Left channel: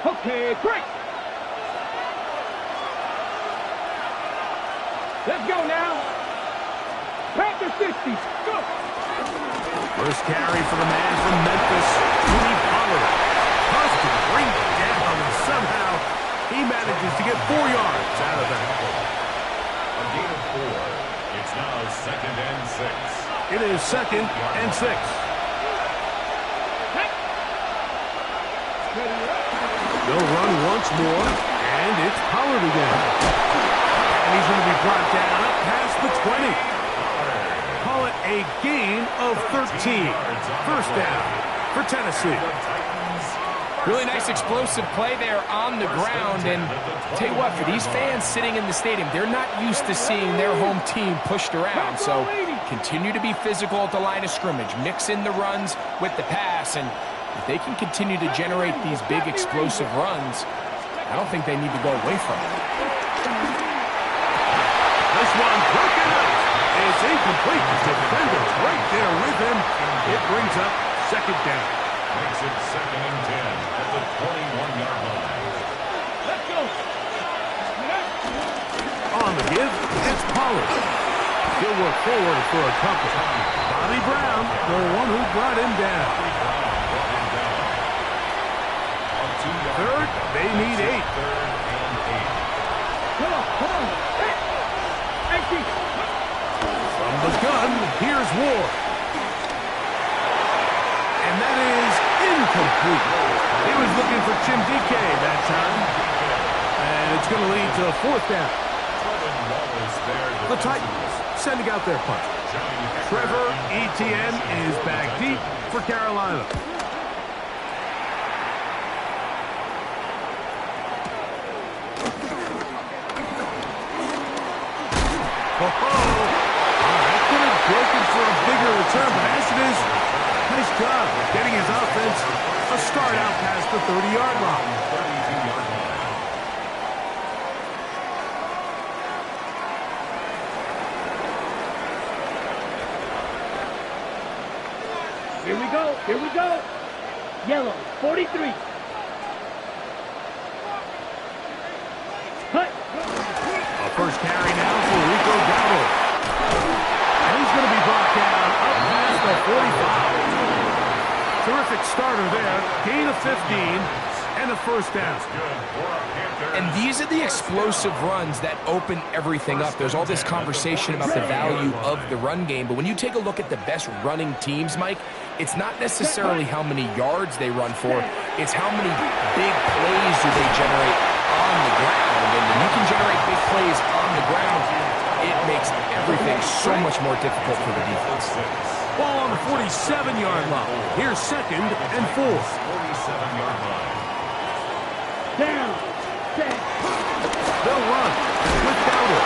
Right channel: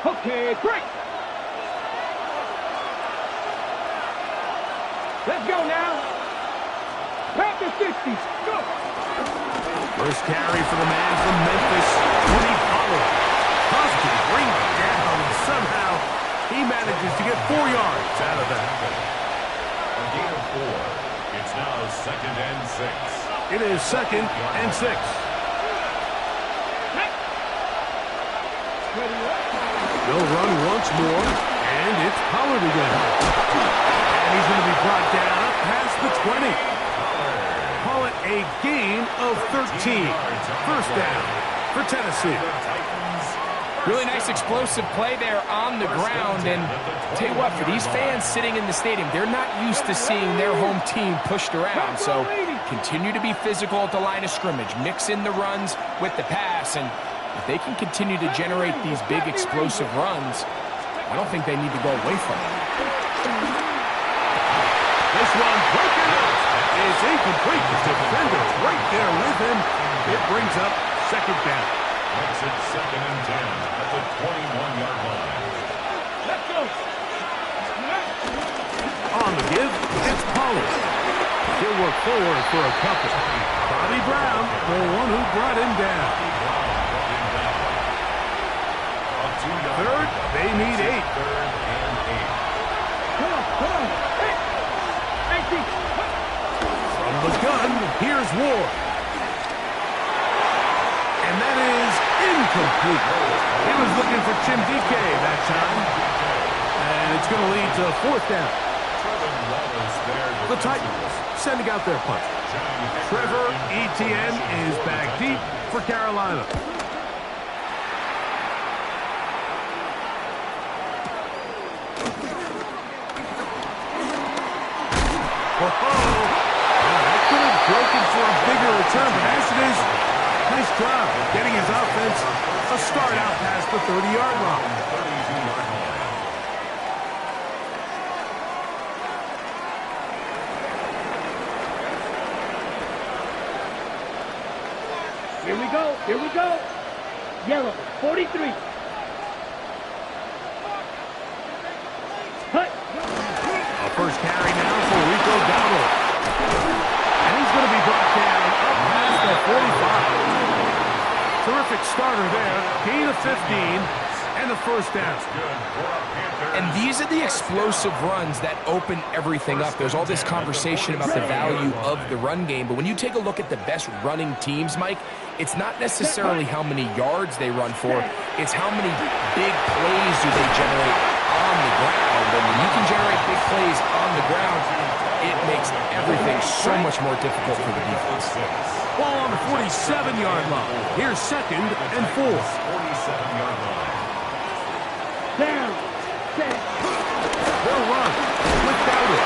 Okay, break. Let's go now. Panthers 50. Go. First carry for the man from Memphis, Tony Pollard. Tossed to bring down, and somehow he manages to get 4 yards out of that. A gain of 4. It's now 2nd and 6. It is 2nd and 6. They'll run once more, and it's Pollard again. And he's going to be brought down up past the 20. Call it a gain of 13. First down for Tennessee. Really nice explosive play there on the ground. And tell you what, for these fans sitting in the stadium, they're not used to seeing their home team pushed around. So continue to be physical at the line of scrimmage. Mix in the runs with the pass. And if they can continue to generate these big explosive runs, I don't think they need to go away from it. This one broken up. It's incomplete. The defender right there with him. It brings up 2nd down. Makes it 2nd and 10 at the 21-yard line. Let's go. On the give, it's Pollard. He'll work forward for a couple. Bobby Brown, the one who brought him down. Third, they need 8. 3rd and 8. Come on. Hey. From the gun, here's Ward. And that is incomplete. He was looking for Chimdike that time. And it's going to lead to 4th down. The Titans sending out their punch. Trevor Etienne is back deep for Carolina. That could have broken for a bigger return, but as it is, nice job getting his offense a start out past the 30-yard line. 32-yard line. Here we go. Yellow, 43. Hut. A first carry now for Rico Dowdle. And he's going to be brought down up past the 45. Terrific starter there. Gain of 15 and a first down. And these are the explosive runs that open everything up. There's all this conversation about the value of the run game, but when you take a look at the best running teams, Mike, it's not necessarily how many yards they run for, it's how many big plays do they generate on the ground. And when you can generate big plays on the ground, it makes everything so much more difficult for the defense. Ball on the 47-yard line. Here's 2nd and 4. 47-yard line. Down. Set. They'll run with Dowdle.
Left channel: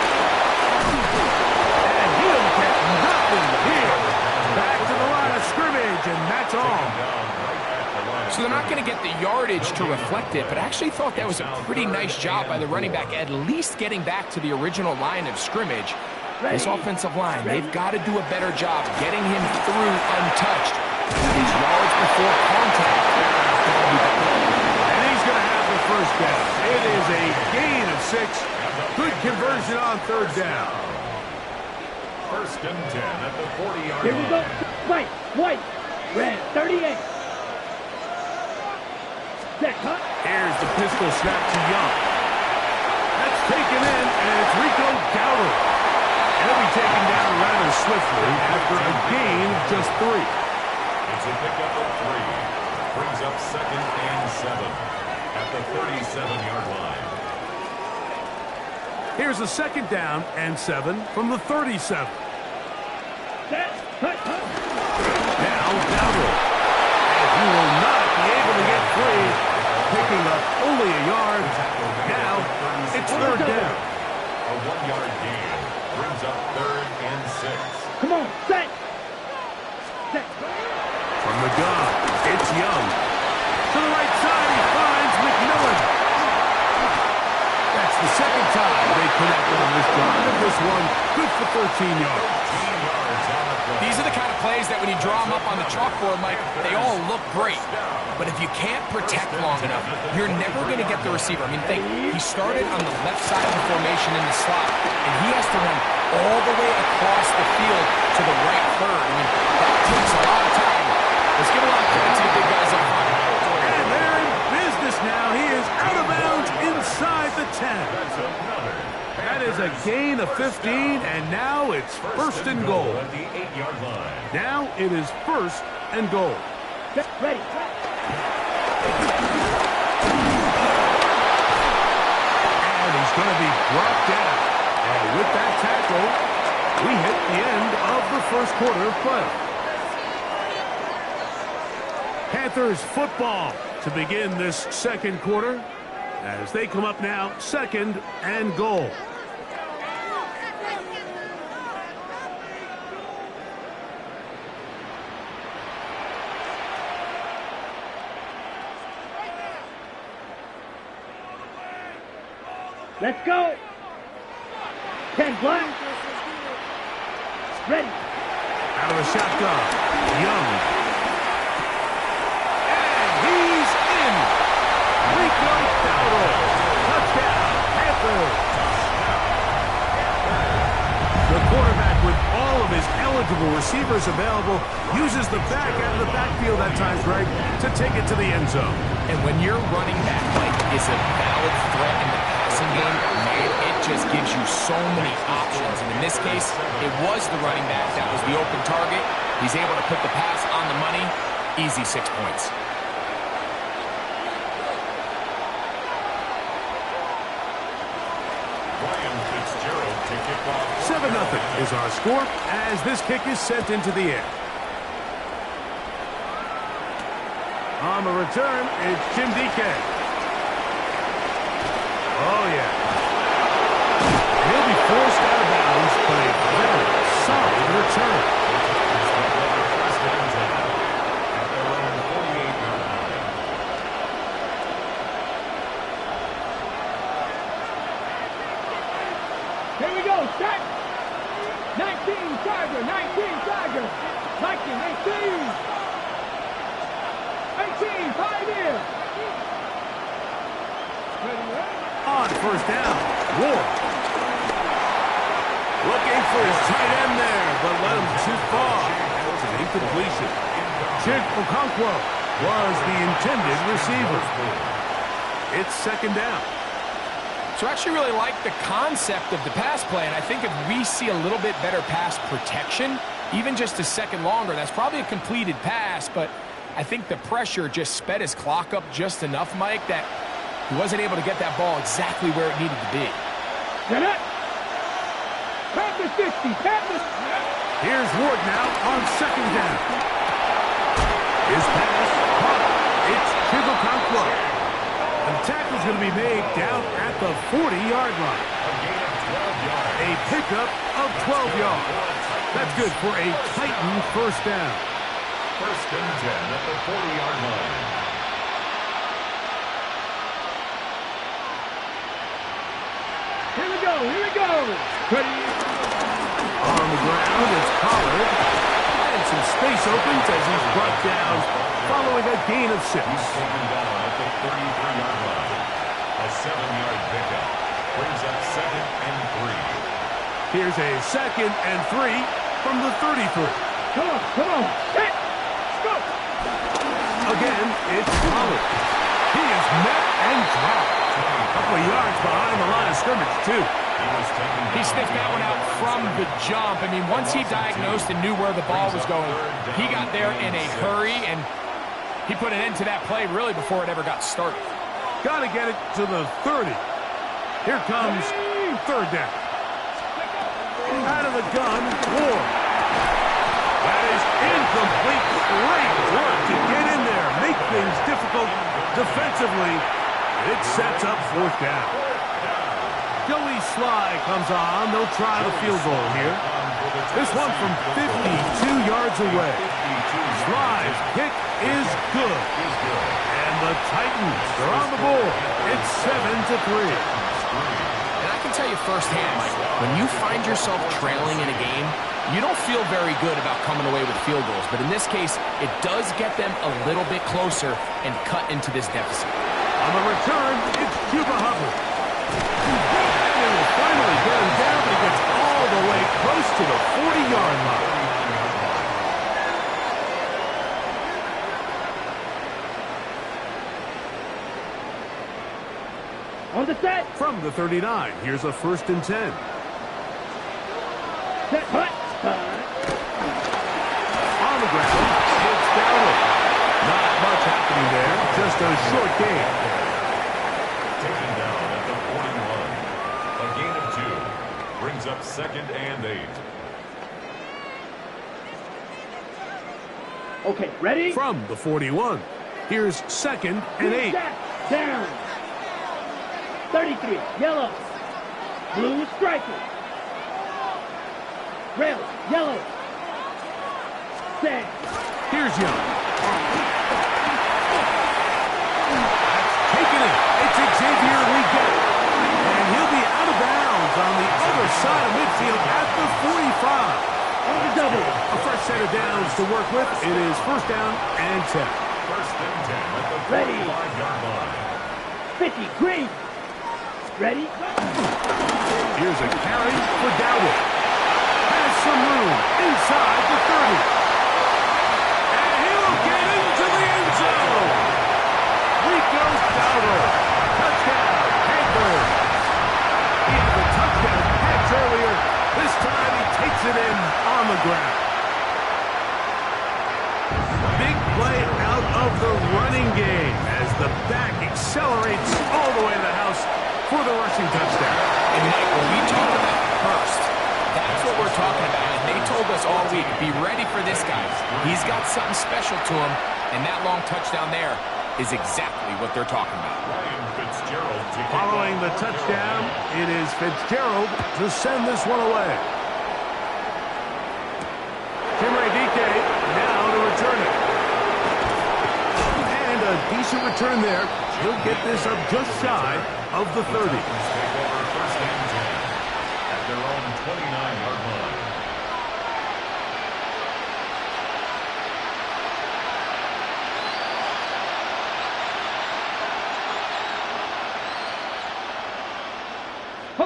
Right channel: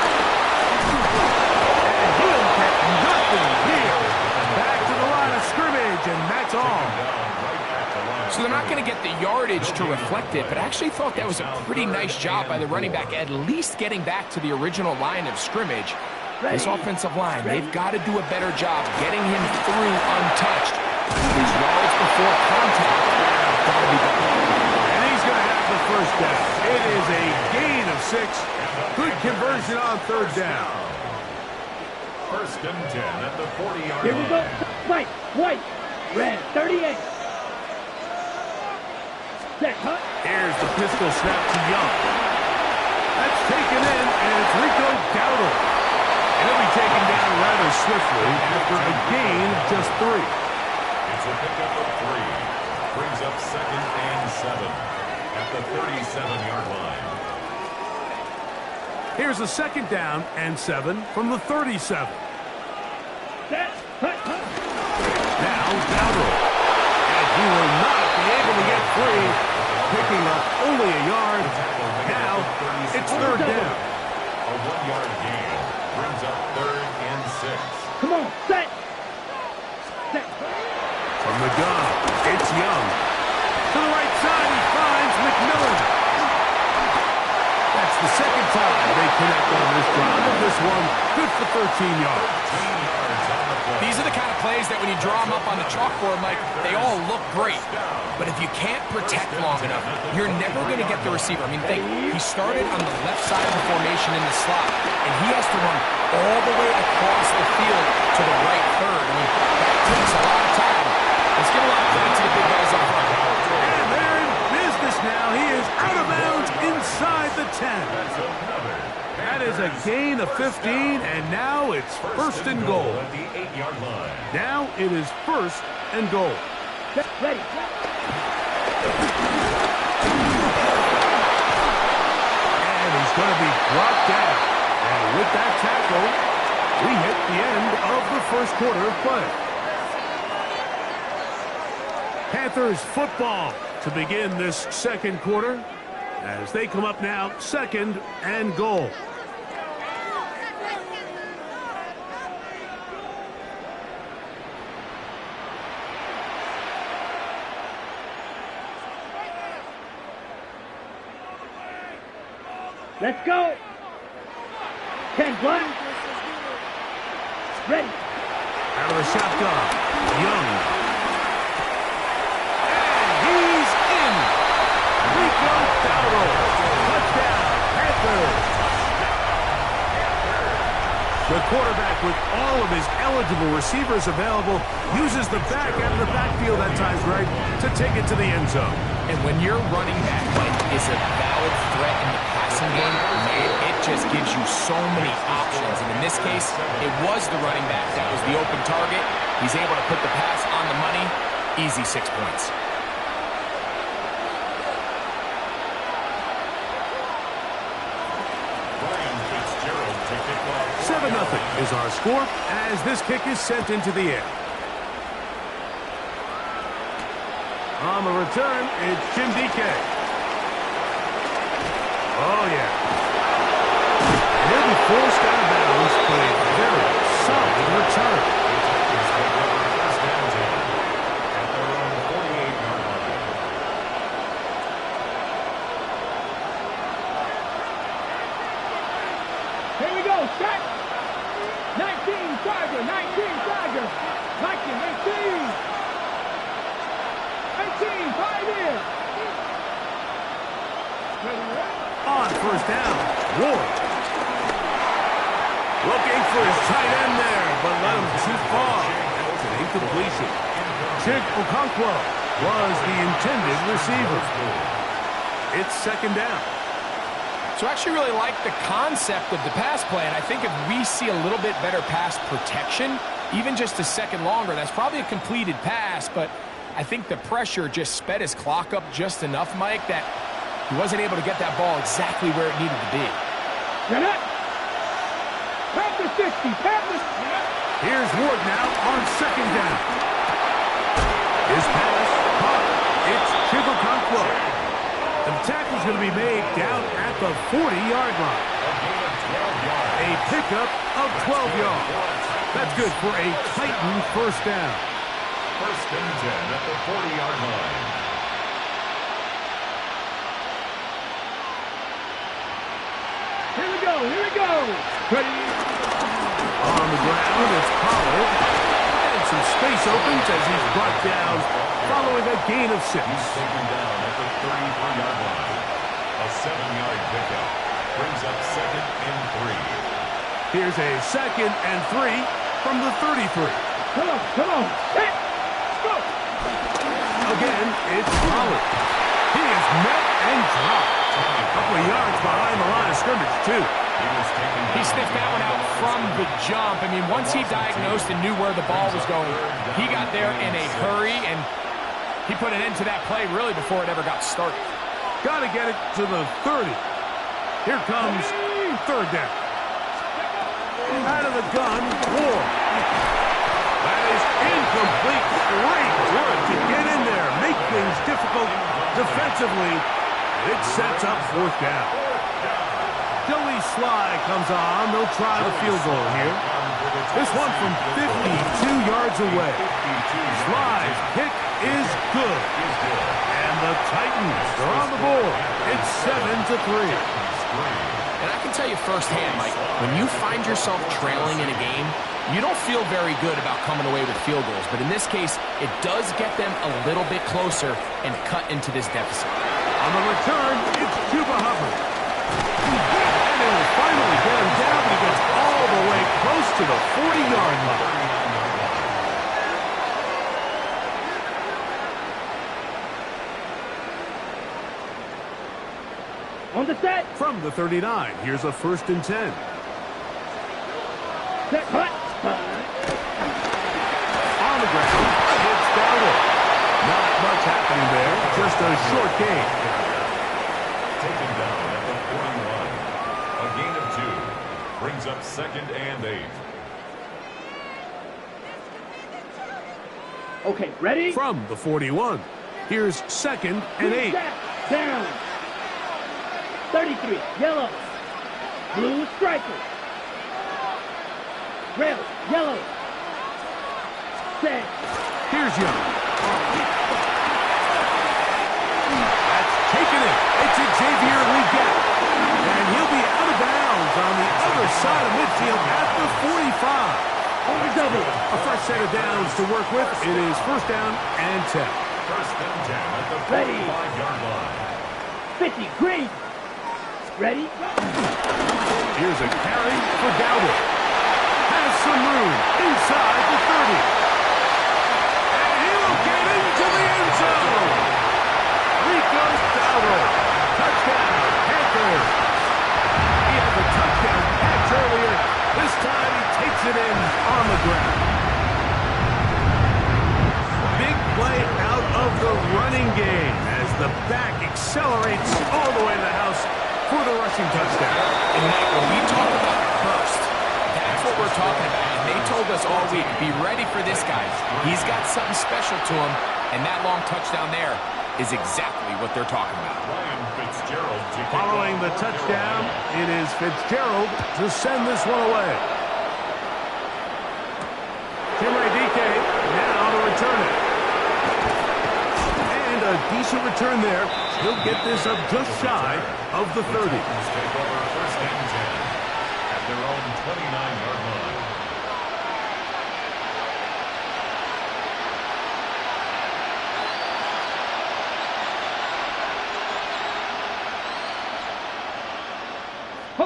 And he'll get nothing here. Back to the line of scrimmage, and that's all. So they're not going to get the yardage to reflect it, but I actually thought that was a pretty nice job by the running back, at least getting back to the original line of scrimmage. This offensive line, they've got to do a better job getting him through untouched. His yards before contact, got to be better. And he's going to have the first down. It is a gain of 6. Good conversion on 3rd down. 1st and 10 at the 40-yard line. Here we go. White. Red, 38. Set, Hut. Here's the pistol snap to Young. That's taken in, and it's Rico Dowdle. And he'll be taken down rather swiftly after a gain of just 3. It's a pickup of 3. Brings up 2nd and 7 at the 37-yard line. Here's a 2nd down and 7 from the 37. Set, Hut. Now Dowdle. And he will not be able to get free, picking up only a yard. Now it's 3rd down. A 1-yard gain brings up 3rd and 6. Come on, set. From the gun, it's Young. To the right side, he finds McMillan. That's It's the second time they connect on this drive. This one good for 13 yards. 13 yards on the play. These are the kind of plays that when you draw them up on the chalkboard, Mike, they all look great. But if you can't protect long enough, you're never going to get the receiver. I mean, think, he started on the left side of the formation in the slot, and he has to run all the way across the field to the right third. I mean, that takes a lot of time. Let's give a lot of credit to the big guys up front. And they're in business now. He is out of bounds inside the 10. That's another. That is a gain of 15, and now it's first and goal. At the 8-yard line. Now it is first and goal. Ready. And he's going to be brought down. And with that tackle, we hit the end of the first quarter of play. Panthers football to begin this second quarter as they come up now second and goal. Let's go. 10 black. Ready. Out of the shotgun, Young. And he's in. Rico Dowdle. Touchdown, Panthers. The quarterback, with all of his eligible receivers available, uses the back out of the backfield at times, Greg, to take it to the end zone. And when your running back, Mike, is a valid threat in the passing game, man, it just gives you so many options. And in this case, it was the running back that was the open target. He's able to put the pass on the money. Easy 6 points. Ryan Fitzgerald to kick off. 7-0 is our score as this kick is sent into the air. On the return, it's Jim DK. Oh, yeah. And he'll be forced out of bounds, but a very solid return. The Tigers take over first and 10 at their own 48-yard line. Here we go. Set. 19 Tiger. 19 Tiger. 19, 18. 18, 5 in. Ready. On first down, Ward. Looking for his tight end there, but led him too far. That's an incompletion. Chig Okonkwo was the intended receiver. It's second down. So I actually really like the concept of the pass play, and I think if we see a little bit better pass protection, even just a second longer, that's probably a completed pass, but I think the pressure just sped his clock up just enough, Mike, that he wasn't able to get that ball exactly where it needed to be. Get up. Panther 60. Panther. Here's Ward now on second down. His pass caught. It's Chigokonkwo. And the tackle's going to be made down at the 40-yard line. A gain of 12 yards. A pickup of 12 yards. That's good for a Titan first down. First and 10 at the 40-yard line. Here we go. Here we go. Ready. On the ground, it's Pollard. And some space opens as he's brought down following a gain of 6. He's taken down at the 33-yard line. A 7-yard pickup brings up second and 3. Here's a second and 3 from the 33. Come on. Come on. Set. Let's go. Again, it's Pollard. He is met and dropped. A couple of yards behind the line of scrimmage, too. He sniffed that one out from the jump. I mean, once he diagnosed and knew where the ball was going, he got there in a hurry, and he put an end to that play really before it ever got started. Got to get it to the 30. Here comes third down. Out of the gun, Ward. That is incomplete. Great work to get in there, make things difficult defensively, and it sets up fourth down. Joey Sly comes on. They'll try the field goal here. This one from 52 yards away. Sly's kick is good. And the Titans are on the board. It's 7-3. And I can tell you firsthand, Mike, when you find yourself trailing in a game, you don't feel very good about coming away with field goals. But in this case, it does get them a little bit closer and cut into this deficit. On the return, it's Chuba Hubbard. And it will finally get him down, but he gets all the way close to the 40-yard line. On the set. From the 39, here's a 1st and 10. Set, hut. On the ground, it's Dowdle. Not much happening there, just a short gain. Taken down at the 41. A gain of 2. Brings up 2nd and 8. Okay, ready? From the 41, here's 2nd and 8. Down. 33, yellow. Blue striker. Red, yellow. Set. Here's Young. That's taken it. It's Xavier Leggett. And he'll be out of bounds on the other side of midfield at the 45. On the double. A fresh set of downs to work with. It is 1st down and 10. 1st and 10 at the 45-yard line. 50, green. Ready? Here's a carry for Dowdle. Has some room inside the 30. And he'll get into the end zone. Rico Dowdle. Touchdown, Panthers. He had the touchdown catch earlier. This time he takes it in on the ground. Big play out of the running game as the back accelerates all the way to the house for the rushing touchdown. And Mike, when we talk about burst, that's what we're talking about. And they told us all week, be ready for this guy. He's got something special to him, and that long touchdown there is exactly what they're talking about. Following the touchdown, it is Fitzgerald to send this one away. Chimere Dike now to return it. And a decent return there. He'll get this up just shy of the 30. Take over 1st and 10 at their own 29-yard line.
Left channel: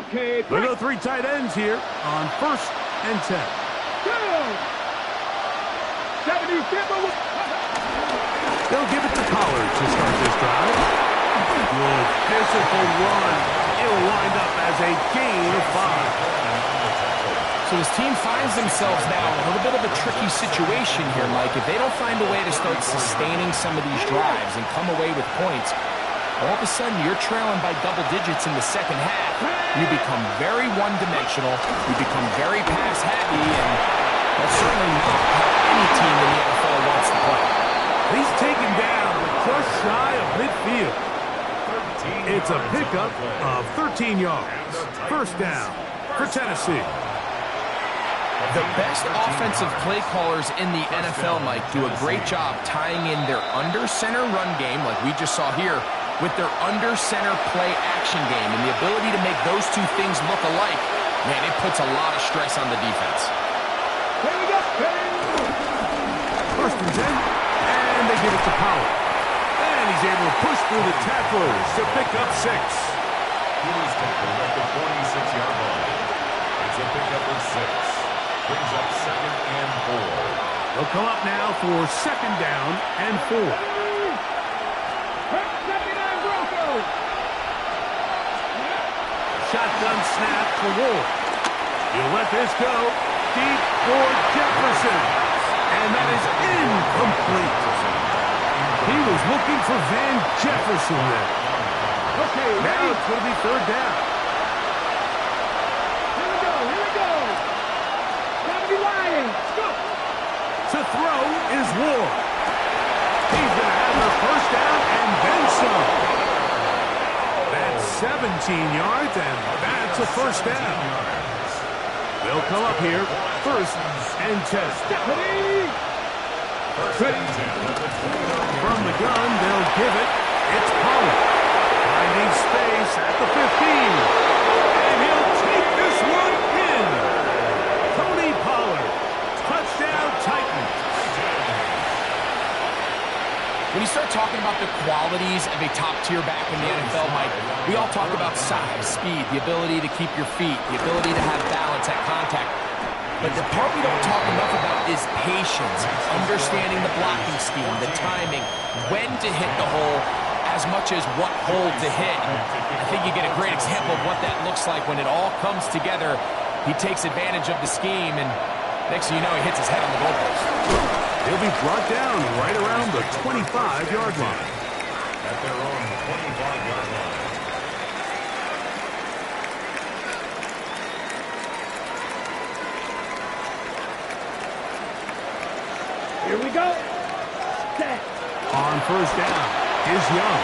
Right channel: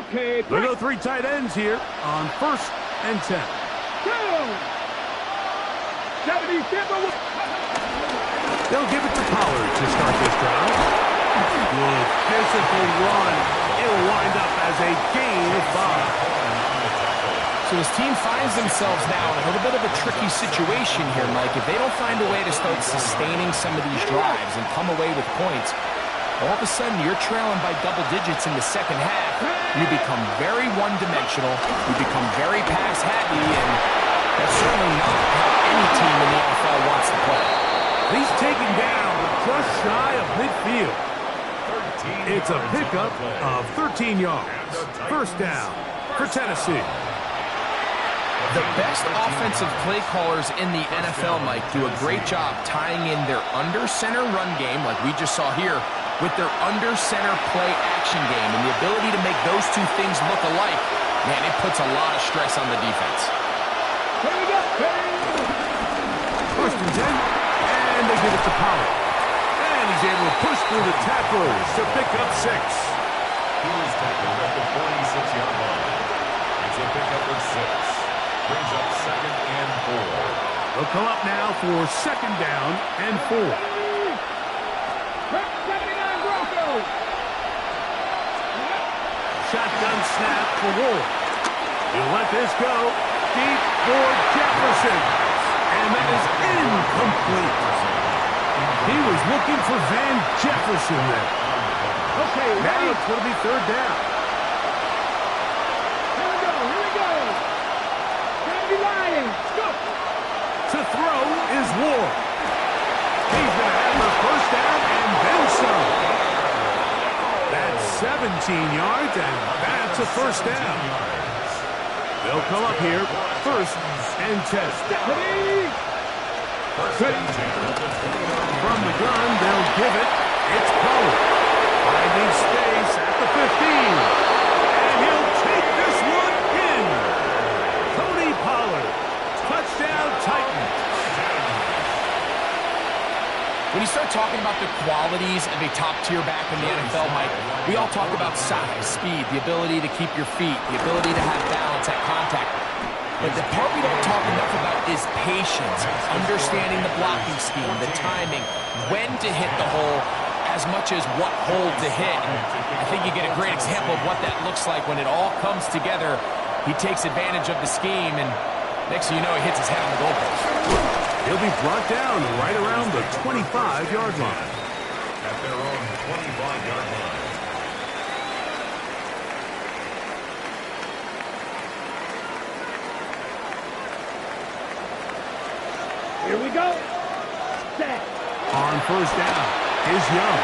Okay, There go 3 tight ends here on 1st and 10. Go! 77. They'll give it to Pollard to start this drive. Good physical run. It'll wind up as a gain of 5. So his team finds themselves now in a little bit of a tricky situation here, Mike. If they don't find a way to start sustaining some of these drives and come away with points, all of a sudden you're trailing by double digits in the second half. You become very one-dimensional. You become very pass-happy, and that's certainly not how any team in the NFL wants to play. He's taken down, but just shy of midfield. It's a pickup of 13 yards. 1st down for Tennessee. The best offensive play callers in the NFL, Mike, do a great job tying in their under-center run game, like we just saw here, with their under-center play action game. And the ability to make those two things look alike, man, it puts a lot of stress on the defense. Here we go. 1st and 10, and they give it to Pollard. And he's able to push through the tacklers to pick up 6. He was tackled at the 46-yard line. It's a pickup of 6. Brings up 2nd and 4. They'll come up now for 2nd down and 4. Shotgun snap for Ward. He'll let this go. Deep for Jefferson. And that is incomplete. He was looking for Van Jefferson there. Okay, Now it's going to be 3rd down. Here we go. Time to be lying. Let's go. To throw is Ward. He's going to have the 1st down and then some. That's 17 yards, and that's a 1st down. They'll come up here, 1st and 10. First and 10 at the 20-yard line. From the gun, they'll give it. It's Pollard. Finding space at the 15. And he'll take this one in. Tony Pollard. Touchdown Titans. When you start talking about the qualities of a top-tier back in the NFL, Mike, we all talk about size, speed, the ability to keep your feet, the ability to have balance at contact. But the part we don't talk enough about is patience, understanding the blocking scheme, the timing, when to hit the hole, as much as what hole to hit. And I think you get a great example of what that looks like when it all comes together. He takes advantage of the scheme, and next thing you know, he hits his head on the goalpost. He'll be brought down right around the 25-yard line. At their own 25-yard line. Here we go. Set. On first down is Young.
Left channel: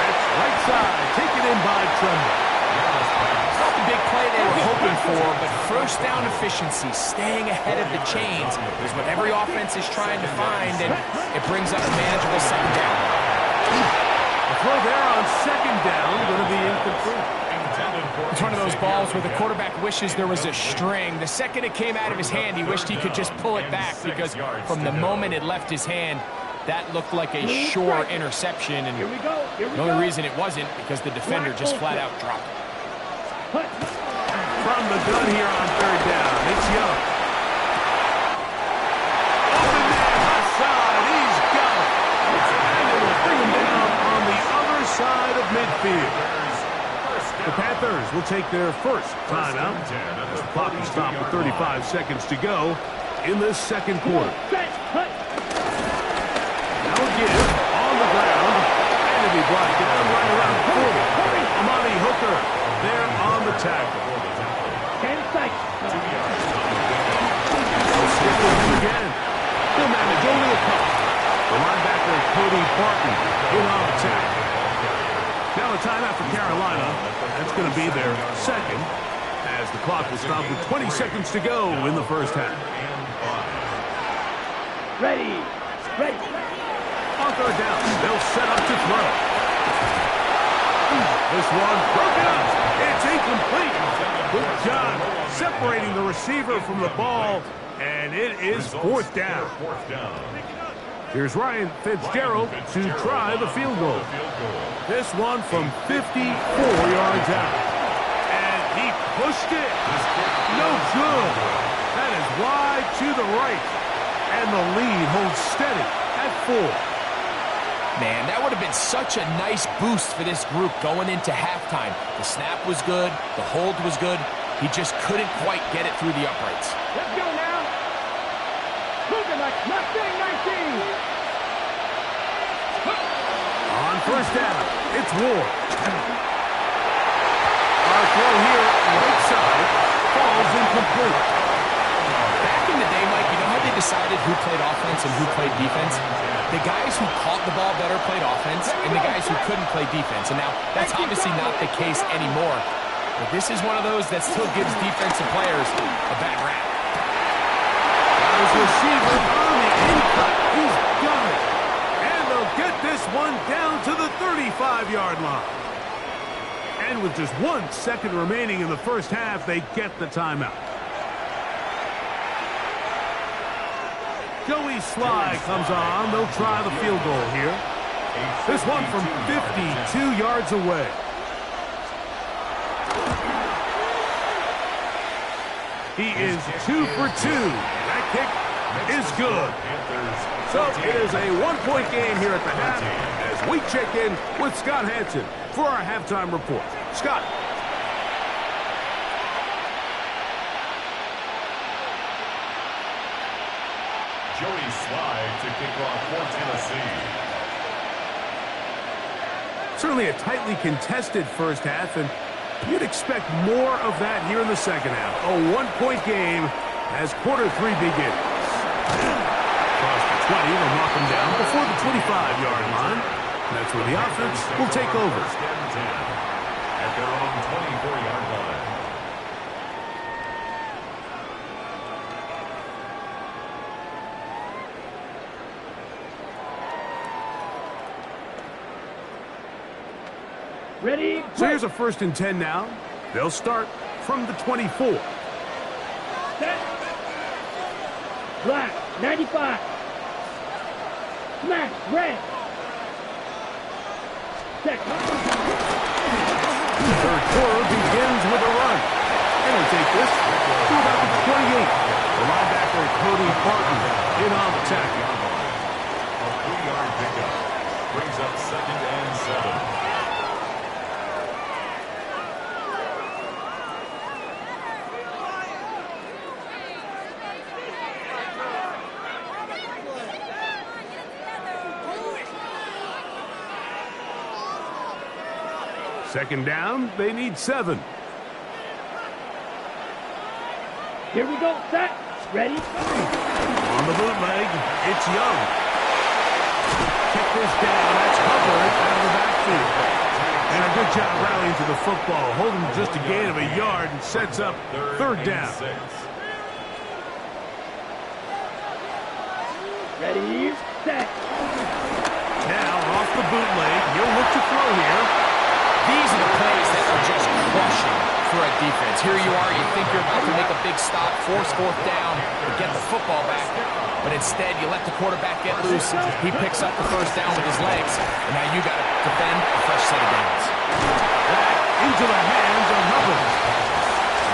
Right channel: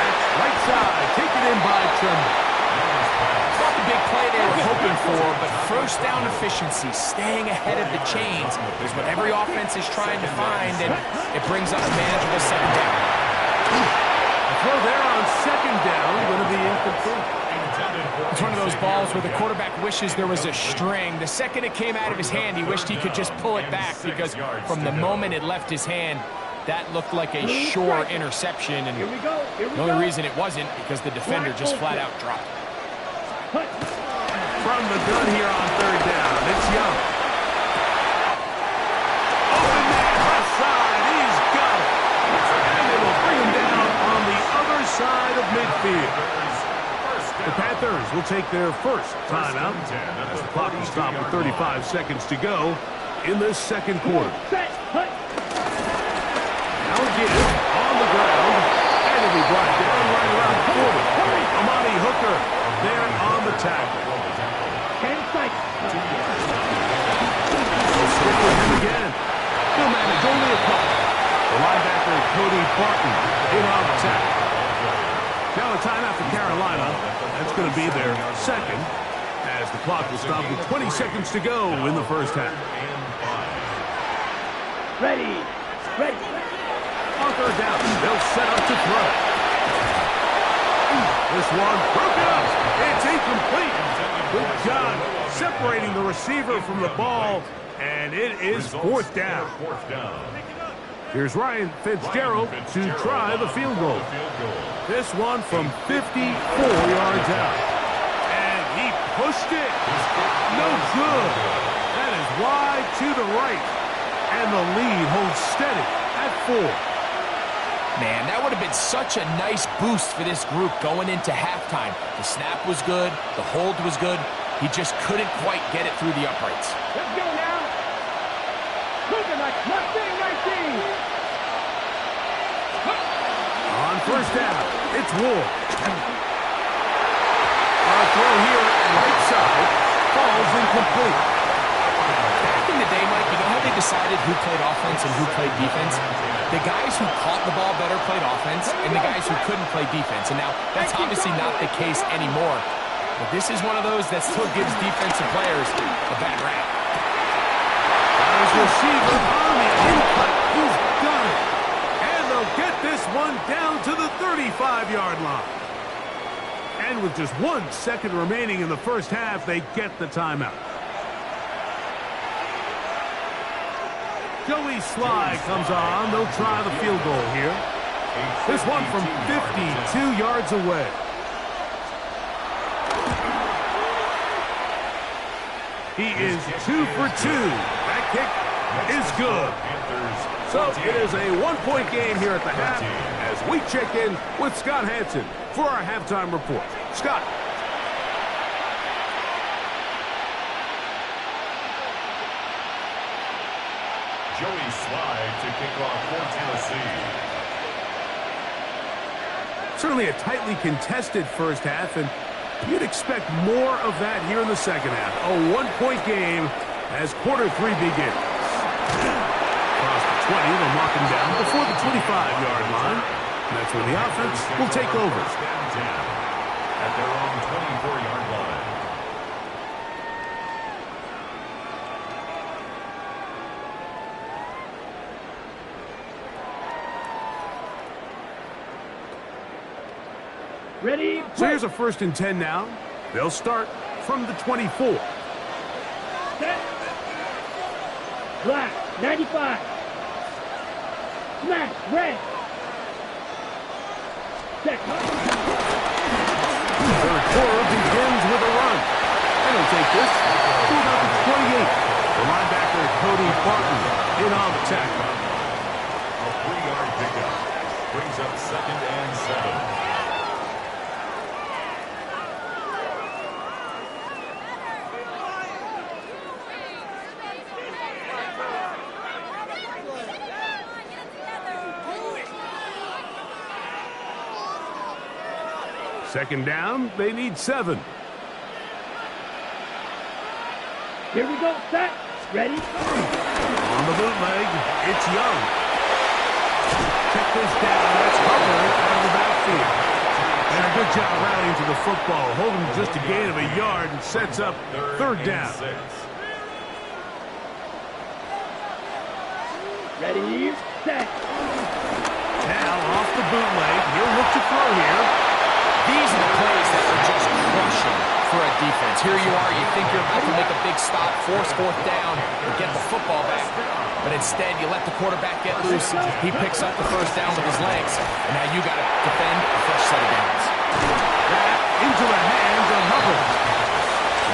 That's right side, taken in by Tremble. It's not the big play they were hoping for, but first down efficiency, staying ahead of the chains, is what every offense is trying to find, and it brings up a manageable second down. The throw there on second down, going to be incomplete. It's one of those balls where the quarterback wishes there was a string. The second it came out of his hand, he wished he could just pull it back, because from the moment it left his hand, that looked like a sure interception, and the only reason it wasn't because the defender just flat out dropped it. From the gun here on third down, it's Young. Open man, left side, he's got it. And it will bring him down on the other side of midfield. The Panthers will take their first timeout as the clock is stopped with 35 seconds to go in this second quarter. Now again, on the ground, and to be brought down right around 40. Amani Hooker there on the tackle. 10 seconds. They'll stick with him again. He'll manage only a couple. The linebacker, Cody Barton, in on the tackle. Now a timeout for Carolina. That's going to be their second, as the clock will stop with 20 seconds to go in the first half. Ready. On third down, they'll set up to throw. This one broken up. It's incomplete. Good job separating the receiver from the ball, and it is fourth down. Here's Ryan Fitzgerald to try the field goal. This one from 54 yards out. And he pushed it. No good. That is wide to the right. And the lead holds steady at 4. Man, that would have been such a nice boost for this group going into halftime. The snap was good. The hold was good. He just couldn't quite get it through the uprights. Let's go now. Looking like nothing, 19. On first down, it's Ward. Our throw here, right side, falls incomplete. Back in the day, Mike, you know how they decided who played offense and who played defense? The guys who caught the ball better played offense, and the guys who couldn't play defense. And now, that's obviously not the case anymore. But this is one of those that still gives defensive players a bad rap. Got his receiver on the in-cut. He's got it. And they'll get this one down to the 35-yard line. And with just 1 second remaining in the first half, they get the timeout. Joey Sly comes on. They'll try the field goal here. This one from 52 yards away. He is 2 for 2. That kick is good. So it is a 1-point game here at the half as we check in with Scott Hansen for our halftime report. Scott. Joey Sly to kick off for Tennessee. Certainly a tightly contested first half, and you'd expect more of that here in the second half. A 1-point game as quarter 3 begins. Across the 20, they'll knock him down before the 25-yard line. And that's where the offense will take over. At their own 24-yard line. Ready? So here's a 1st and 10 now. They'll start from the 24. Set. Black, 95. Smash, red. Set. Third quarter begins with a run. And he'll take this to about the 28. The linebacker, Cody Barton, in on the tackle. A 3-yard pickup. Brings up 2nd and 7. Second down, they need 7. Here we go. Set. Ready? On the bootleg, it's Young. Check this down. That's Hubbard out of the backfield. And a good job rallying to the football. Holding just a gain of a yard and sets up 3rd down. Ready? Set. Now off the bootleg, he'll look to throw here. These are the plays that are just crushing for a defense. Here you are, you think you're about to make a big stop, force 4th down, and get the football back. But instead, you let the quarterback get loose. He picks up the 1st down with his legs. And now you got to defend a fresh set of downs. Back into the hands of Hubbard.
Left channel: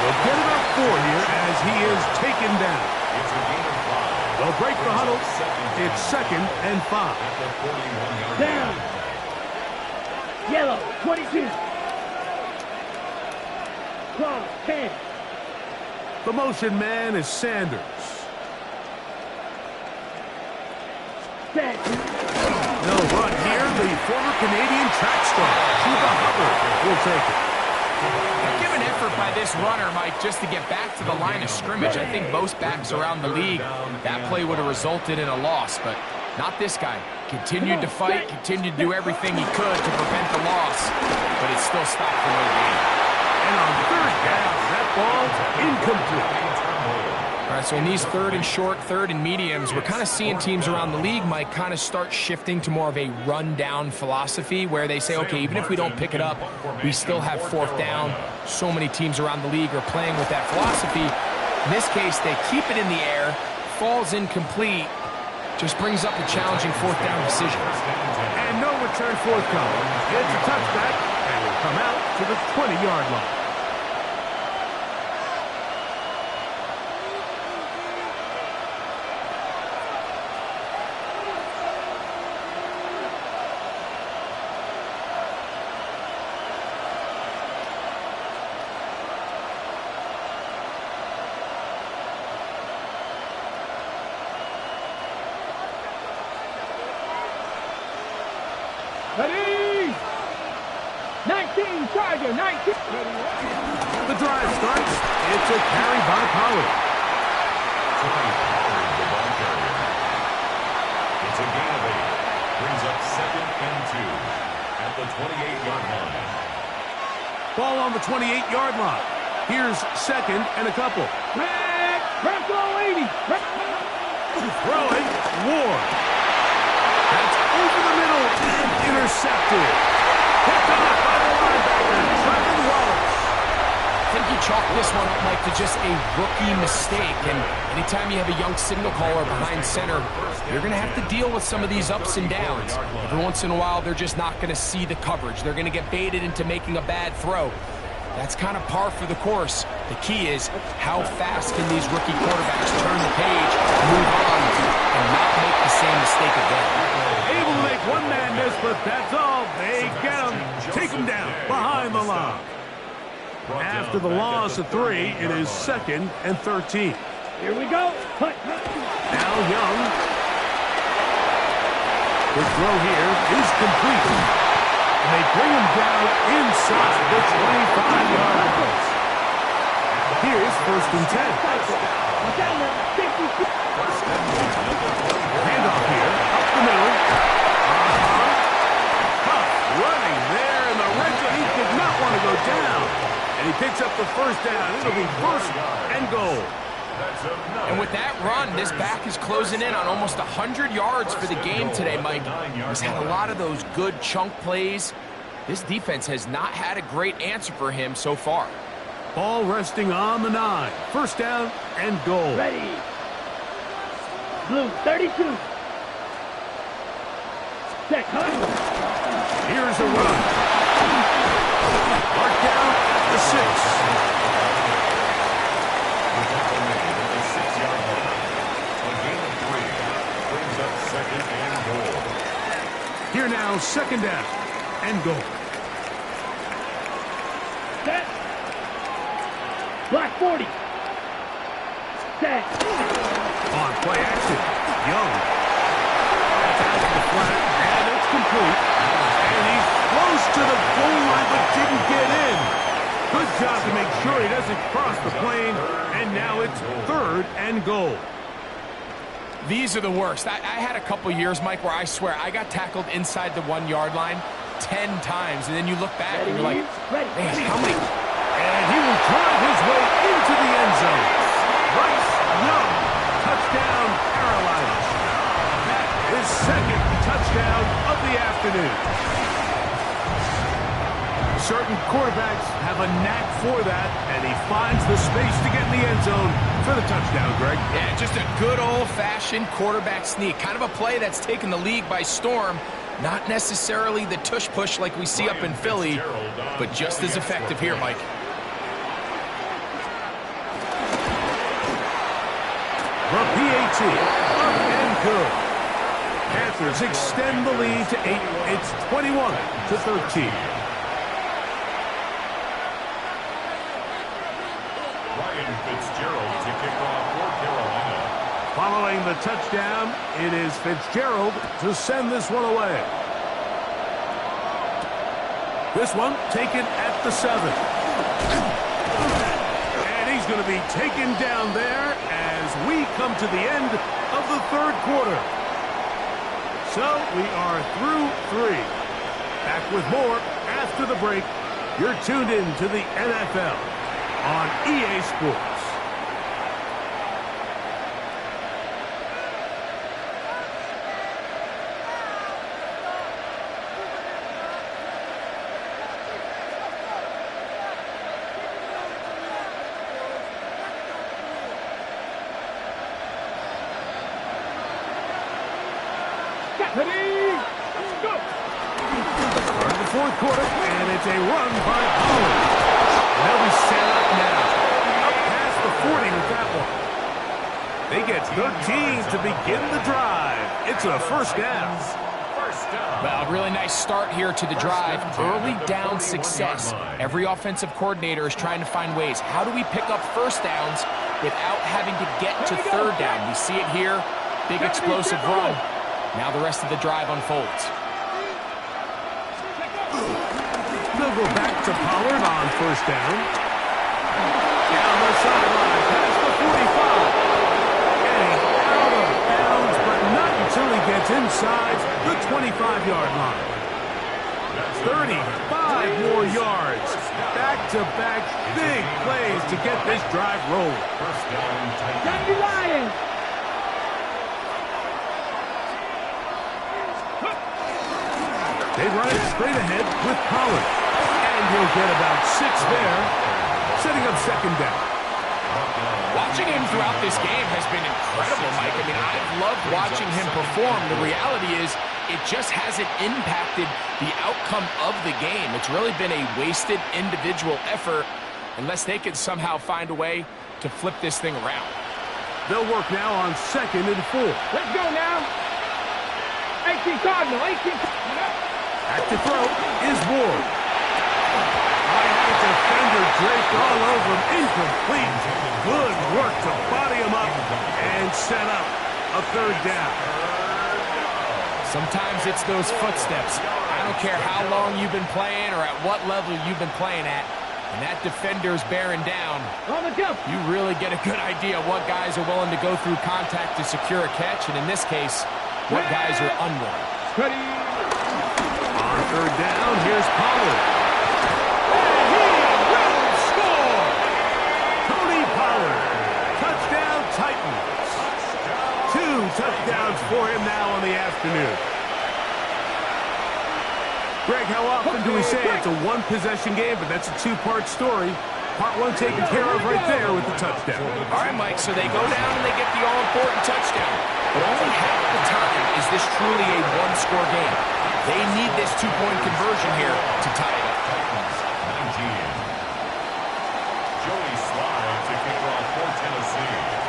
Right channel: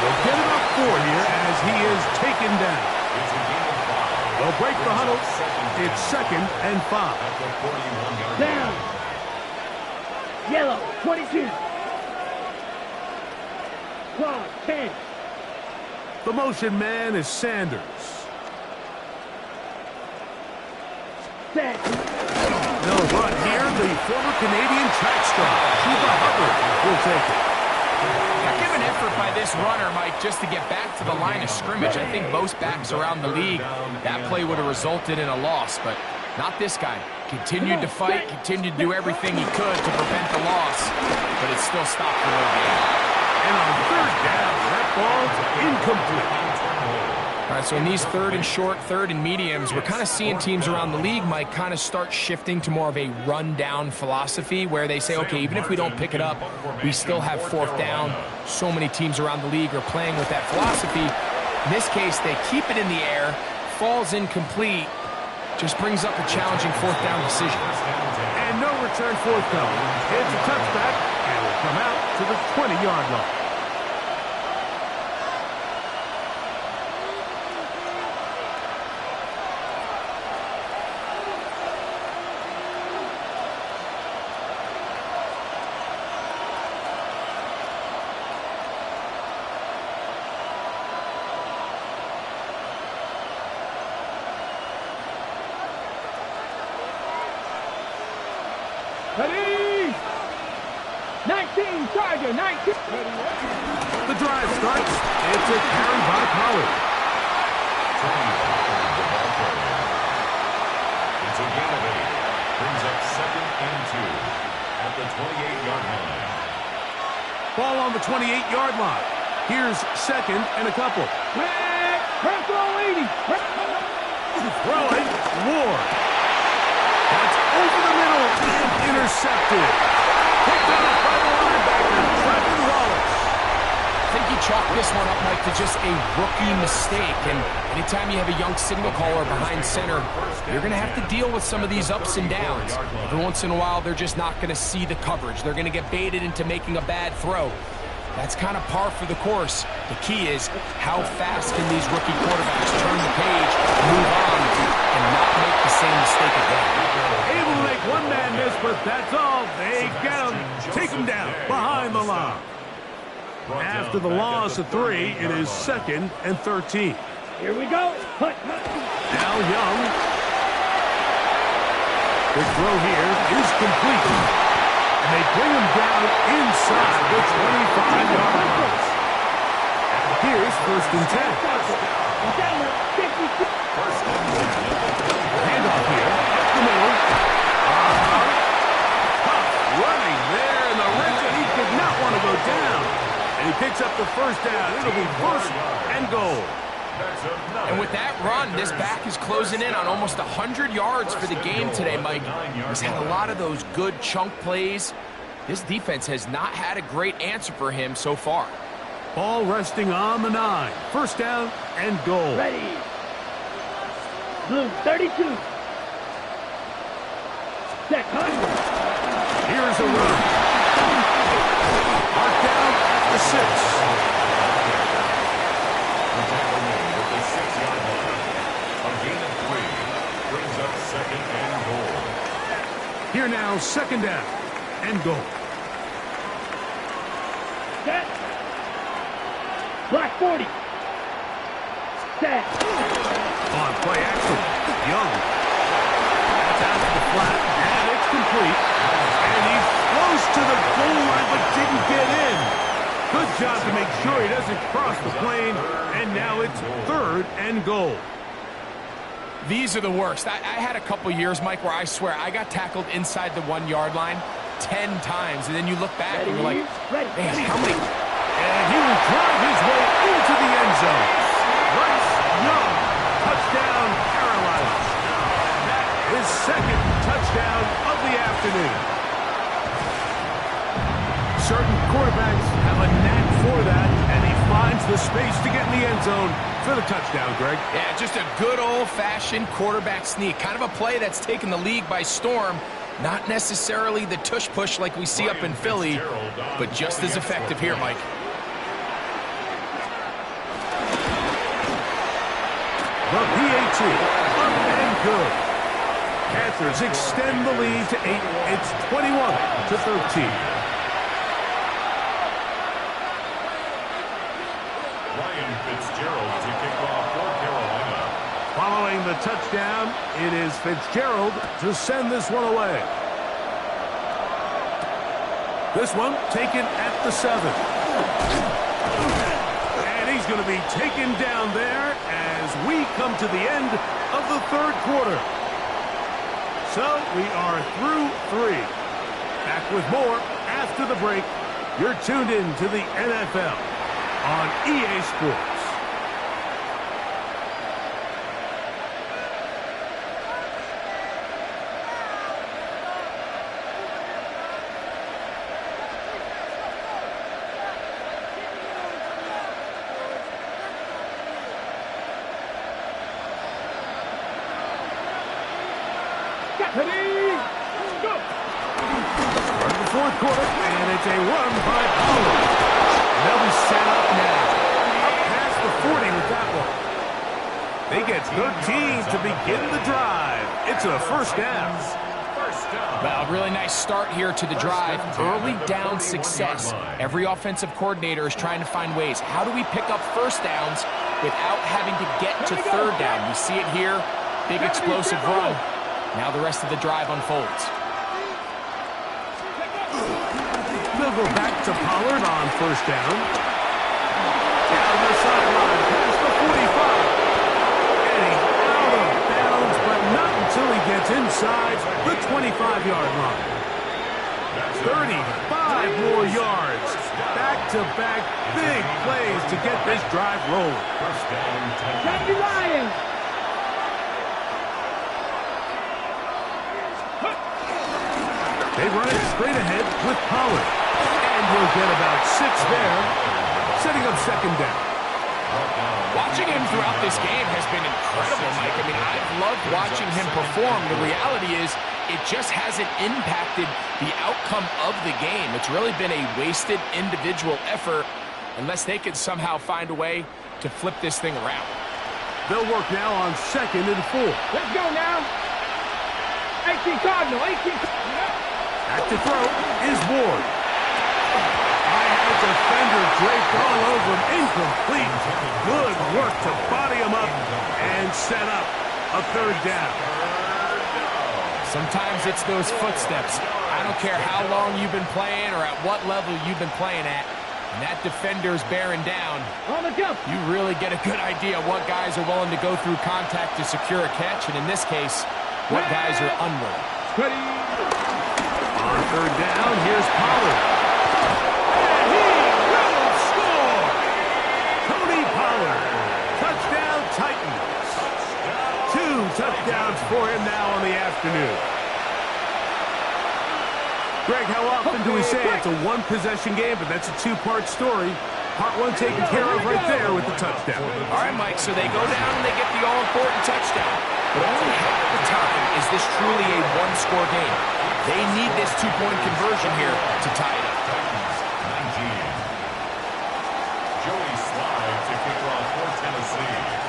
They'll get about 4 here as he is taken down. It's a gain of 5. They'll break the huddle. It's 2nd and 5. At the 41-yard Down. line. Yellow, 22. Claw, 10. The motion man is Sanders. Set. They'll run here. The former Canadian track star, Chuba Hubbard, will take it. Now, give an effort by this runner, Mike, just to get back to the line of scrimmage. I think most backs around the league, that play would have resulted in a loss, but not this guy. Continued to fight, continued to do everything he could to prevent the loss, but it still stopped for no gain. And on 3rd down, that ball incomplete. All right, so in these 3rd and short, 3rd and mediums, we're kind of seeing teams around the league, Mike, kind of start shifting to more of a run-down philosophy where they say, okay, even if we don't pick it up, we still have 4th down. So many teams around the league are playing with that philosophy. In this case, they keep it in the air, falls incomplete, just brings up a challenging 4th down decision. And no return forthcoming. It's a touchback, and will come out to the 20-yard line. Ready? 19, Charger, 19. The drive starts. It's a carry by Pollard. Tony Pollard, the ball carrier. It's a gain of 8. Brings up 2nd and 2 at the 28-yard line. Ball on the 28-yard line. Here's 2nd and a couple. Red, Bronco 80. Throwing, Ward. That's over the middle and intercepted. Picked off by the linebacker, Trevin Wallace. I think you chalk this one up, Mike, to just a rookie mistake. And anytime you have a young signal caller behind center, you're going to have to deal with some of these ups and downs. Every once in a while, they're just not going to see the coverage. They're going to get baited into making a bad throw. That's kind of par for the course. The key is how fast can these rookie quarterbacks turn the page, move on, and not make the same mistake again. Able to make one man miss, but that's all. They get him, take him down behind the line. After the loss of 3, it is 2nd and 13. Here we go. Hut. Now Young. The throw here is complete. And they bring him down inside the 25-yard line. Here's 1st and 10. Handoff here, up the middle. Tough running there in the red zone. He did not want to go down. And he picks up the 1st down. It'll be 1st and goal. And with that run, this back is closing in on almost 100 yards for the game today, Mike. He's had a lot of those good chunk plays. This defense has not had a great answer for him so far. Ball resting on the 9. First down and goal. Ready. Blue 32. Set, hunt. Here's a run. Mark down at the 6. The tackle made at the 6-yard line. A gain of 3 brings up second and goal. Here now, second down and goal. Set. Black 40. Set. On play action, Young. That's out to the flat, and it's complete. And he's close to the goal line, but didn't get in. Good job to make sure he doesn't cross the plane, and now it's third and goal. These are the worst. I had a couple years, Mike, where I swear I got tackled inside the 1-yard line 10 times, and then you look back and you're like, man, how many? And he will drive his way into the end zone. Bryce Young, touchdown, Carolina. That is second touchdown of the afternoon. Certain quarterbacks have a knack for that, and he finds the space to get in the end zone for the touchdown, Greg. Yeah, just a good old-fashioned quarterback sneak. Kind of a play that's taken the league by storm. Not necessarily the tush-push like we see up in Philly, but just as effective here, Mike. The PAT, up and good. Panthers extend the lead to 8. It's 21-13. Ryan Fitzgerald to kick off for Carolina. Following the touchdown, it is Fitzgerald to send this one away. This one taken at the 7. And he's going to be taken down there as we come to the end of the third quarter. So we are through 3. Back with more after the break. You're tuned in to the NFL on EA Sports. Start the fourth quarter, and it's a run by Pollard. And they'll be set up now. Up past the 40 with that one. They get 13 to begin the drive. It's a first down. Well, a really nice start here to the drive. Early down success. Every offensive coordinator is trying to find ways. How do we pick up first downs without having to get to third down? We see it here. Big explosive run. Now the rest of the drive unfolds. They'll go back to Pollard on first down. Down the sideline, past the 45. Getting out of bounds, but not until he gets inside the 25-yard line. 35 more yards. Back-to-back big plays to get this drive rolling. First down, Johnny Lions. They run it straight ahead with Pollard. And he'll get about 6 there, setting up second down. Watching him throughout this game has been incredible, Mike. I mean, I've loved watching him perform. The reality is it just hasn't impacted the outcome of the game. It's really been a wasted individual effort unless they can somehow find a way to flip this thing around. They'll work now on second and 4. Let's go now. 18 Cardinal, 18. Back to throw is Ward. I had a defender draped all over him. Incomplete. Good work to body him up and set up a third down. Sometimes it's those footsteps. I don't care how long you've been playing or at what level you've been playing at. And that defender's bearing down. On the jump. You really get a good idea what guys are willing to go through contact to secure a catch. And in this case, what guys are unwilling. Ready. On third down, here's Pollard. And he will score! Tony Pollard. Touchdown Titans. 2 touchdowns for him now on the afternoon. Greg, how often do we say it's a one-possession game, but that's a two-part story? Part one taken care of right there with the touchdown. All right, Mike, so they go down and they get the all-important touchdown. But only half the time is this truly a one-score game. They need this two-point conversion here to tie it up. Titans 19. Joey Slide to kick off for Tennessee.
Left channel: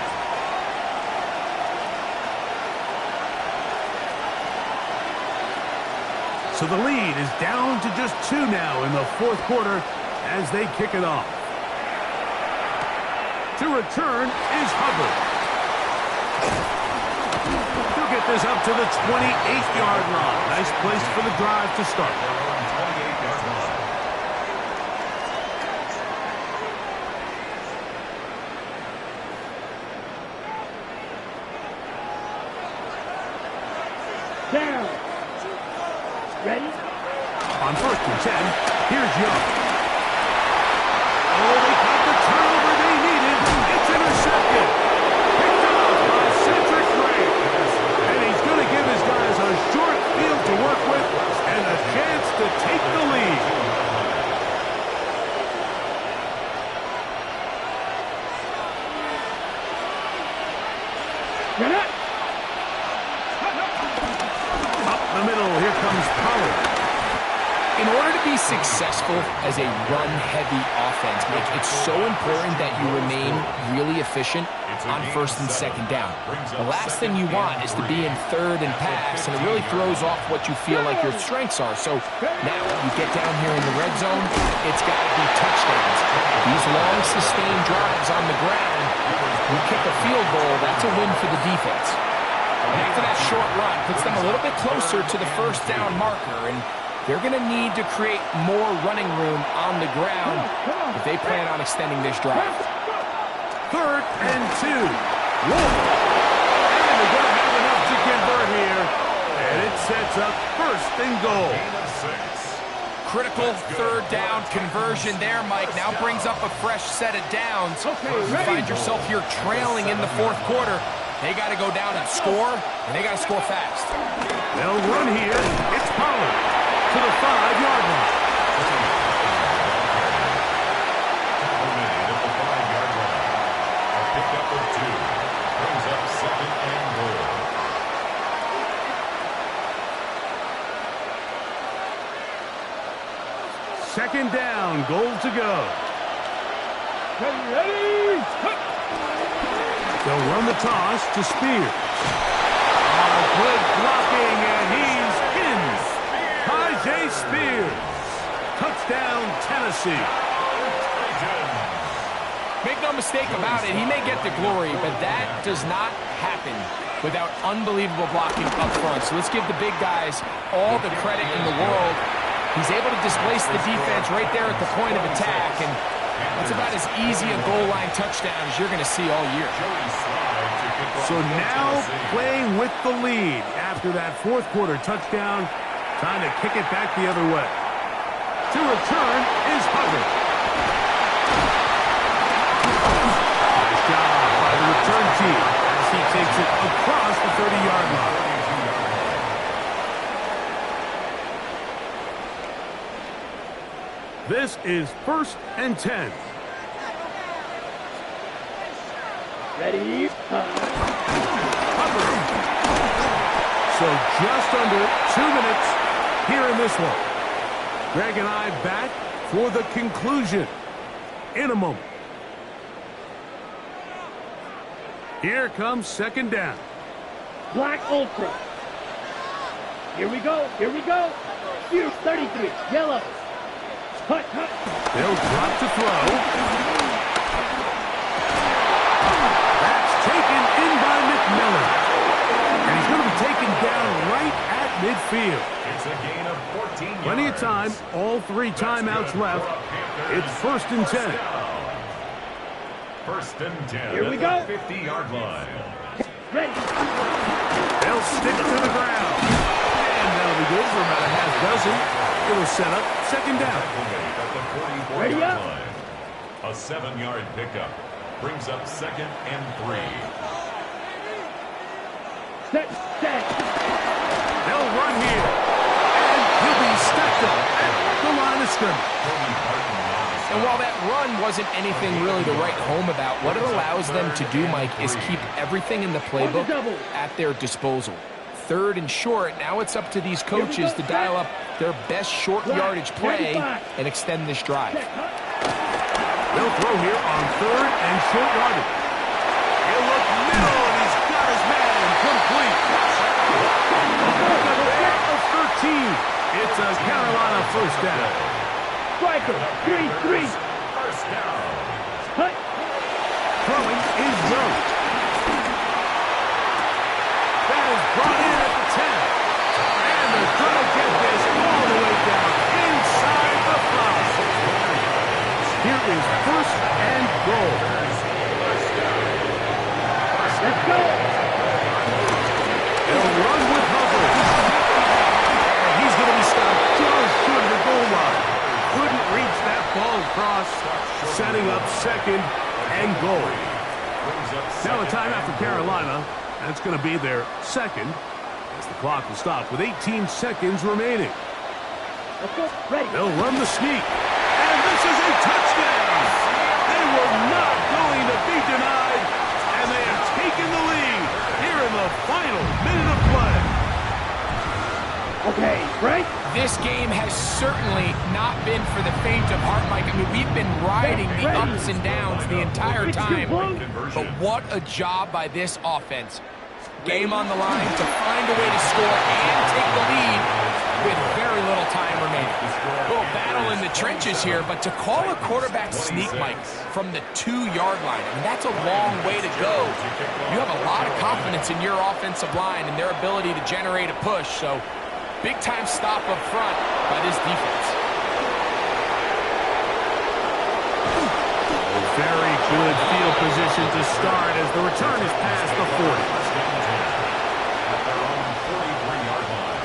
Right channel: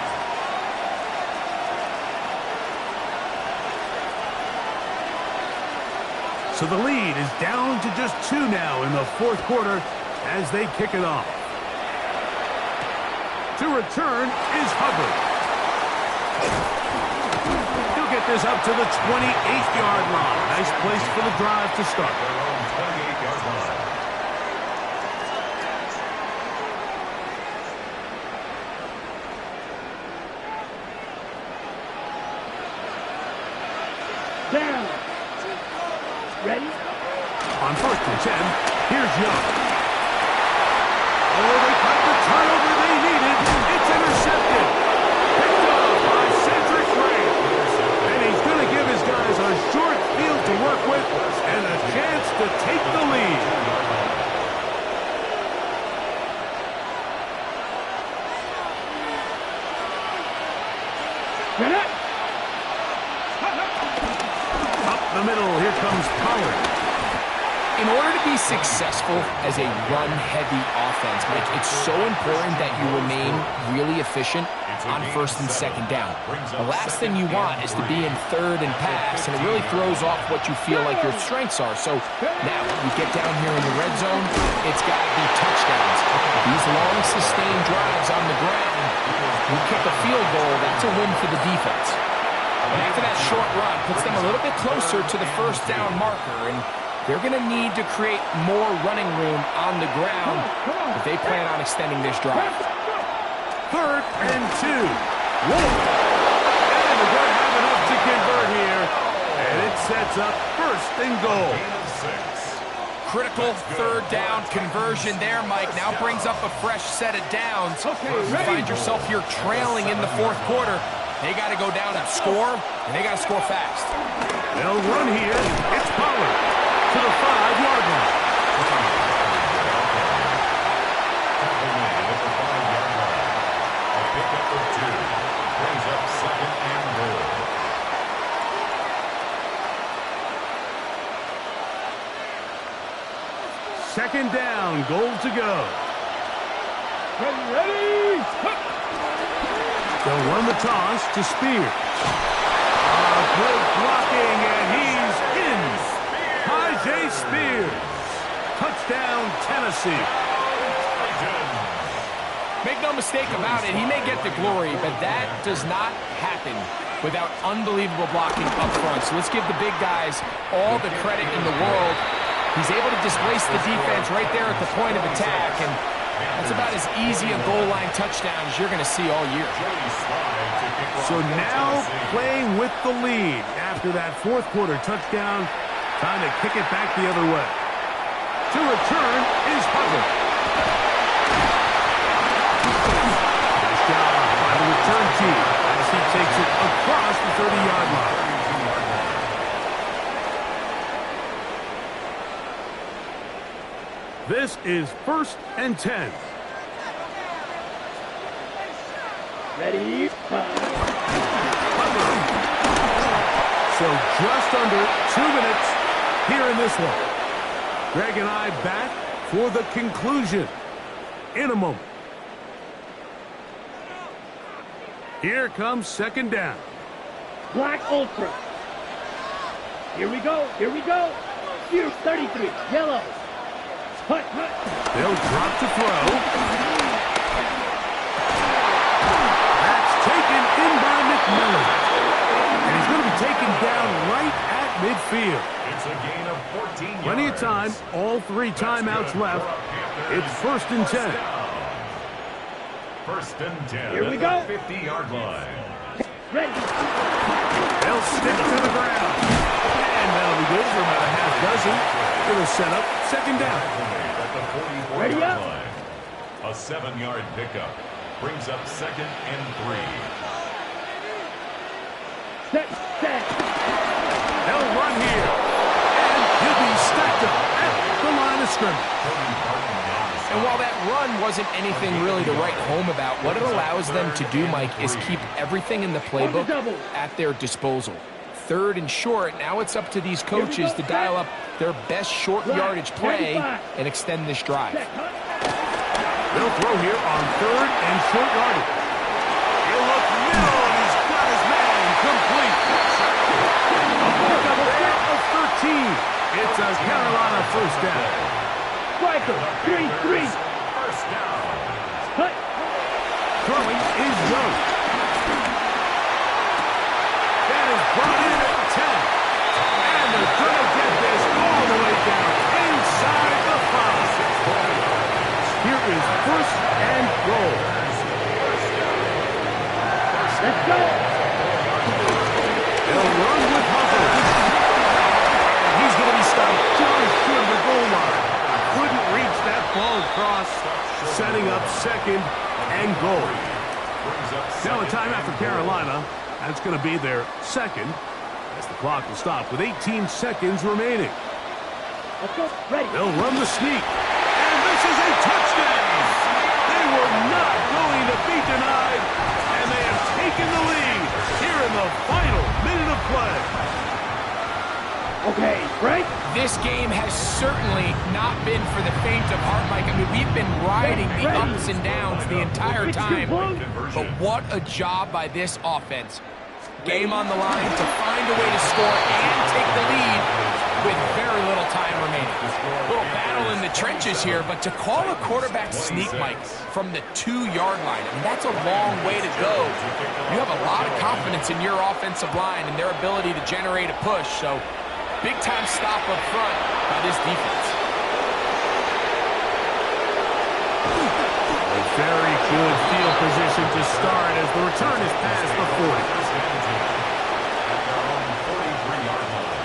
So the lead is down to just 2 now in the fourth quarter as they kick it off. To return is Hubbard. He'll get this up to the 28-yard line. Nice place for the drive to start. Their own 28-yard line. Down. Ready? On 1st and 10, here's Young. Oh, they got the turnover they needed. It's intercepted. Picked off by Cedric Gray. And he's going to give his guys a short field to work with and a chance to take the lead. Get it. Up the middle, here comes Pollard. In order to be successful as a run-heavy offense, Mike, it's so important that you remain really efficient on 1st and 2nd down. The last thing you want is to be in 3rd and pass, and it really throws off what you feel like your strengths are. So now, you get down here in the red zone, it's got to be touchdowns. These long, sustained drives on the ground, you kick a field goal, that's a win for the defense. And after that short run, puts them a little bit closer to the 1st down marker, and they're going to need to create more running room on the ground if they plan on extending this drive. 3rd and 2. Whoa! And they're going to have enough to convert here. And it sets up 1st and goal. Gain of 6. Critical 3rd down conversion there, Mike. Now brings up a fresh set of downs. You find yourself here trailing in the 4th quarter. They got to go down and score, and they got to score fast. They'll run here. It's Pollard to the 5-yard line. Tackle made at the 5-yard line. A pickup of 2. Brings up 2nd and goal. Second down, goal to go. Ready? They'll run the toss to Spears. Good blocking, and he's in. Tajay Spears. Touchdown, Tennessee. Make no mistake about it, he may get the glory, but that does not happen without unbelievable blocking up front. So let's give the big guys all the credit in the world. He's able to displace the defense right there at the point of attack, and that's about as easy a goal line touchdown as you're going to see all year. So now playing with the lead after that 4th quarter touchdown. Time to kick it back the other way. To return is Hubbard. Nice job by the return team as he takes it across the 30-yard line. This is 1st and 10. Ready? Hubbard. So just under 2 minutes here in this one. Greg and I back for the conclusion in a moment. Here comes 2nd down. Black Ultra. Here we go. Here we go. Here's 33. Yellow. Hut, hut. They'll drop to throw. That's taken in by McMillan. And he's going to be taken down right at midfield. It's a gain of 14 yards. Plenty of time. All 3 timeouts left. It's 1st and 10. 1st and 10. Here we go. 50-yard line. Ready. They'll stick to the ground. And that'll be good for about a half dozen. It'll set up 2nd down. At the 44-yard line. A 7-yard pickup. Brings up 2nd and 3. Set. They'll run here. And he'll be stacked up at the line of scrimmage. And while that run wasn't anything really to write home about, what it allows them to do, Mike, is keep everything in the playbook at their disposal. 3rd and short, now it's up to these coaches to dial up their best short yardage play and extend this drive. They'll throw here on 3rd and short yardage. He'll look middle, and he's got his man complete. A pickup there of 13. It's a Carolina first down. Striker, 3-3. First down. Hut. Throwing is Young. That is brought in at the 10. And they're going to get this all the way down inside the 5. Here is 1st and goal. Let's go. They'll run with Hubbard. And he's going to be stopped just short of the goal line. Couldn't reach that ball across, setting up 2nd and goal. Now a timeout for Carolina. That's going to be their 2nd, as the clock will stop with 18 seconds remaining. Let's go. Ready. They'll run the sneak. And this is a touchdown. They were not going to be denied, and they have taken the lead here in the final minute of play. Okay, right? This game has certainly not been for the faint of heart, Mike. I mean, we've been riding the ups and downs the entire time, but what a job by this offense. Game on the line to find a way to score and take the lead with very little time remaining. A little battle in the trenches here, but to call a quarterback sneak, Mike, from the 2-yard line, I mean, that's a long way to go. You have a lot of confidence in your offensive line and their ability to generate a push, so big-time stop up front by this defense. A very good field position to start as the return is past the 40. At their own 43-yard line.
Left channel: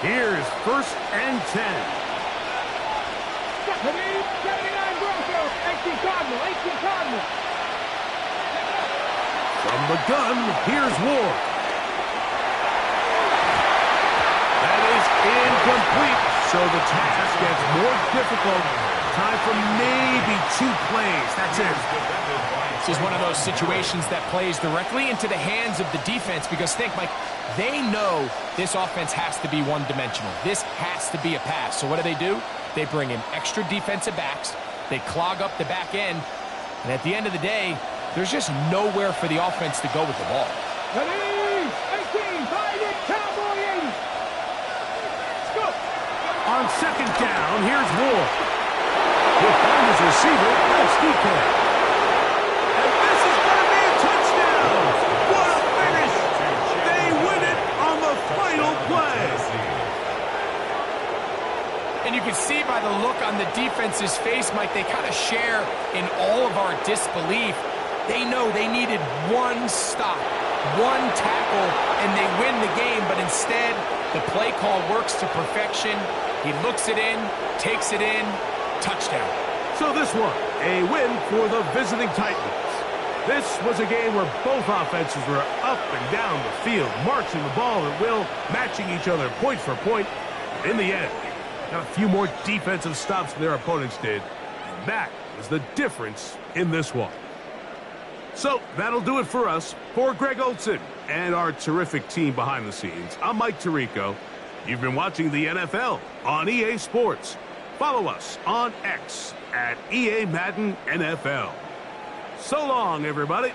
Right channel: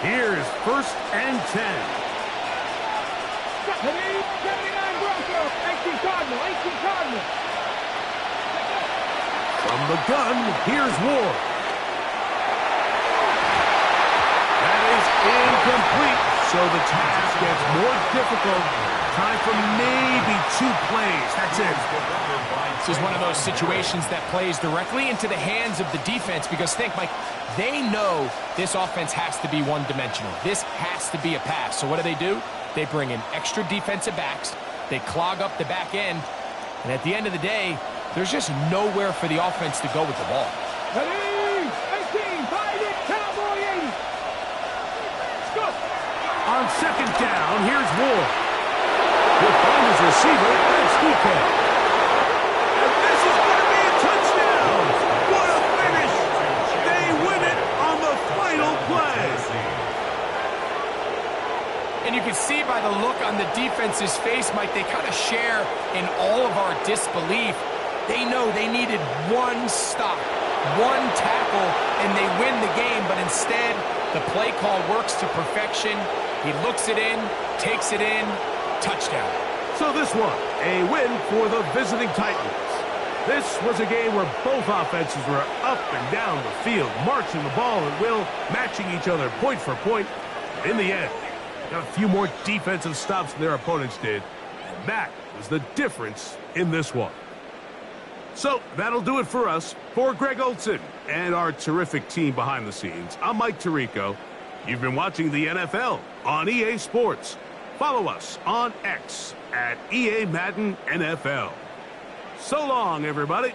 Here's 1st and 10. 79 Broncos, 18 Cardinal, 18 Cardinal. From the gun, here's Ward. That is incomplete, so the task gets more difficult. Time for maybe 2 plays. That's it. This is one of those situations that plays directly into the hands of the defense because think, Mike, they know this offense has to be one-dimensional. This has to be a pass. So what do? They bring in extra defensive backs. They clog up the back end. And at the end of the day, there's just nowhere for the offense to go with the ball. 18, find it, Cowboy 80. Let's go. On 2nd down, here's Ward. He'll find his receiver, that's DK. And this is going to be a touchdown! What a finish! They win it on the final play. And you can see by the look on the defense's face, Mike, they kind of share in all of our disbelief. They know they needed one stop, one tackle, and they win the game. But instead, the play call works to perfection. He looks it in, takes it in, touchdown. So this one, a win for the visiting Titans. This was a game where both offenses were up and down the field, marching the ball at will, matching each other point for point. In the end, got a few more defensive stops than their opponents did, and that was the difference in this one. So that'll do it for us. For Greg Olson and our terrific team behind the scenes, I'm Mike Tirico. You've been watching the NFL on EA Sports. Follow us on X at EA Madden NFL. So long, everybody.